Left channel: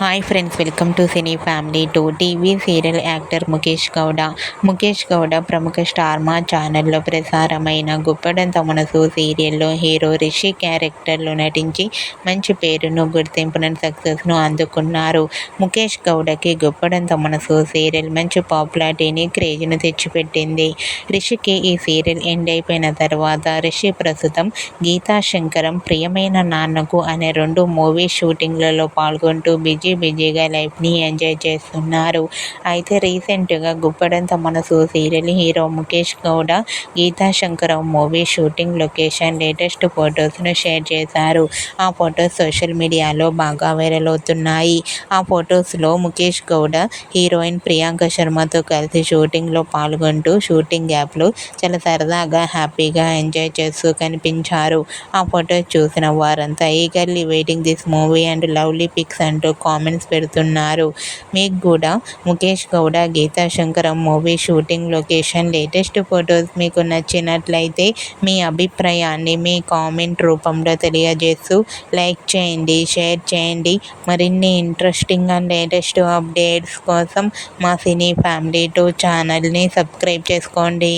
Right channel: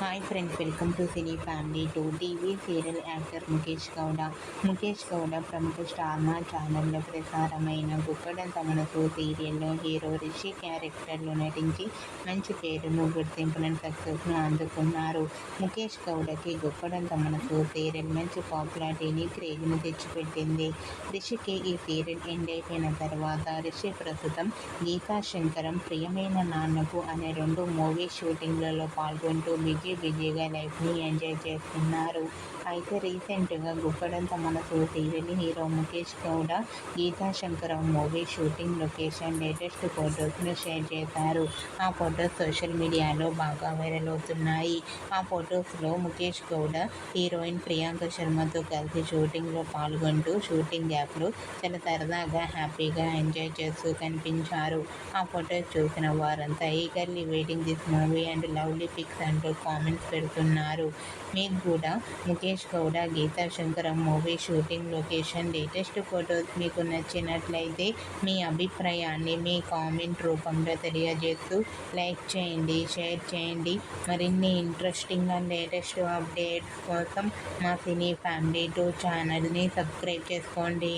Hi friends welcome to cine family two TV serial actor Mukesh Gowda. Mukesh Gowda ప్రముఖ star మా ఛానల్లో ప్రసారమైన గుప్పడంత మనసు సీరియల్లో హీరో రిషి క్యారెక్టర్లో నటించి మంచి పేరును గుర్తింపును సక్సెస్ను అందుకున్నారు. ముఖేష్ గౌడకి గుప్పడంత మనసు సీరియల్ మంచి పాపులారిటీని క్రేజ్ను తెచ్చిపెట్టింది. రిషికి ఈ సీరియల్ ఎండ్ అయిపోయిన తర్వాత రిషి ప్రస్తుతం గీతా శంకరం ప్రియమైన నాన్నకు అనే రెండు మూవీ షూటింగ్లలో పాల్గొంటూ బిజీ బిజీగా లైఫ్ని ఎంజాయ్ చేస్తున్నారు. అయితే రీసెంట్గా Guppedantha Manasu serial hero Mukesh Gowda Geetha Shankaram movie shooting location latest ఫొటోస్ను share చేశారు. ఆ ఫొటోస్ సోషల్ మీడియాలో బాగా వైరల్ అవుతున్నాయి. ఆ ఫొటోస్లో ముఖేష్ గౌడ హీరోయిన్ ప్రియాంక శర్మతో కలిసి షూటింగ్లో పాల్గొంటూ షూటింగ్ యాప్లో చాలా సరదాగా హ్యాపీగా ఎంజాయ్ చేస్తూ కనిపించారు. ఆ ఫొటోస్ చూసిన వారంతా eagerly waiting this movie and lovely pics అంటూ కామెంట్స్ పెడుతున్నారు. మీకు కూడా Mukesh Gowda Geetha Shankaram movie shooting location latest photos మీకు నచ్చినట్లయితే మీ అభిప్రాయాన్ని మీ కామెంట్ రూపంలో తెలియజేస్తూ లైక్ చేయండి షేర్ చేయండి. మరిన్ని ఇంట్రెస్టింగ్ అండ్ లేటెస్ట్ అప్డేట్స్ కోసం మా సినీ ఫ్యామిలీ టూ ఛానల్ని సబ్స్క్రైబ్ చేసుకోండి.